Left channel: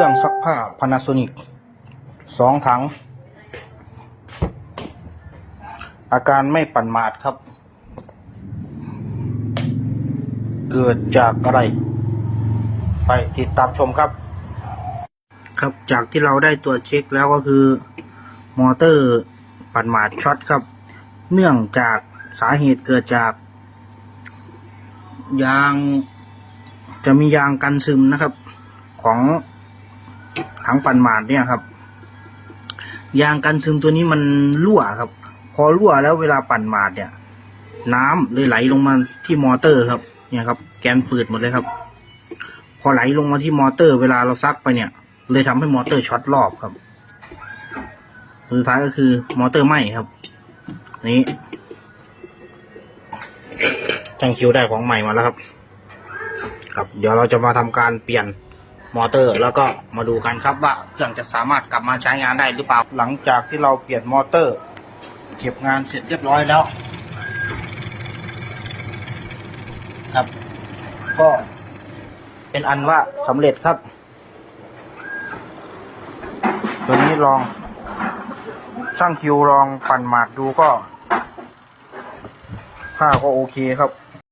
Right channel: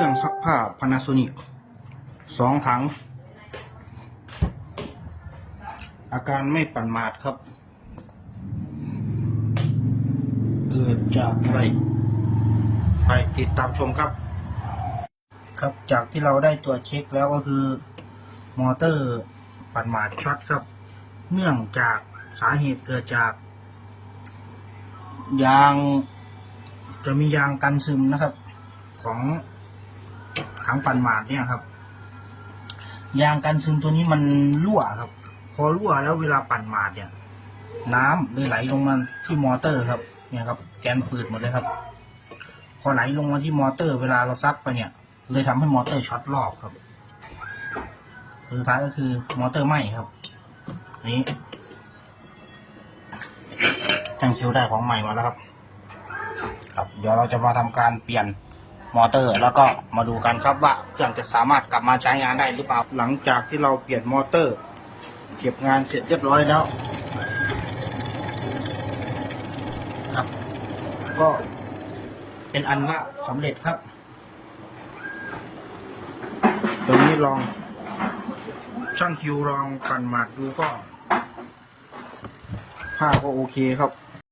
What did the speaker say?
ครื่องซักผ้า Panasonic สองถัง อาการไม่ปั่นหมาดครับ เกิดจากอะไร ไปติดตามชมครับ ครับจากที่เราได้ตัวเช็คแล้วก็คือ มอเตอร์ปั่นหมาดช็อตครับ เนื่องจากสาเหตุเกิดจาก ยางจะมียางกันซึมนะครับของ ถังปั่นหมาดเนี่ยครับ ยางกันซึมตัวนี้มันรั่วครับ พอรั่วแล้วเวลาปั่นหมาดเนี่ย น้ำเลยไหลลงมาที่มอเตอร์ครับ เนี่ยครับ แกนฝืดหมดเลยครับ พอไหลลงมาที่มอเตอร์ เวลาเราซักไปเนี่ย เลยทำให้มอเตอร์ช็อตรอบครับสุดท้ายก็คือมอเตอร์ไหม้ครับ นี้ช่างคิวได้ของใหม่มาแล้วครับ ครับ เดี๋ยวเราจะมาทำการเปลี่ยน มอเตอร์ แล้วก็มาดูกันครับว่าเครื่องจะสามารถกลับมาใช้งานได้หรือเปล่าหลังจากที่เราเปลี่ยนมอเตอร์ เก็บงานเสร็จเรียบร้อยแล้ว ครับ ก็เป็นอันว่าสำเร็จครับ ตัวนี้ลองช่างคิวลองปั่นหมากดูก็ผ้าก็โอเคครับ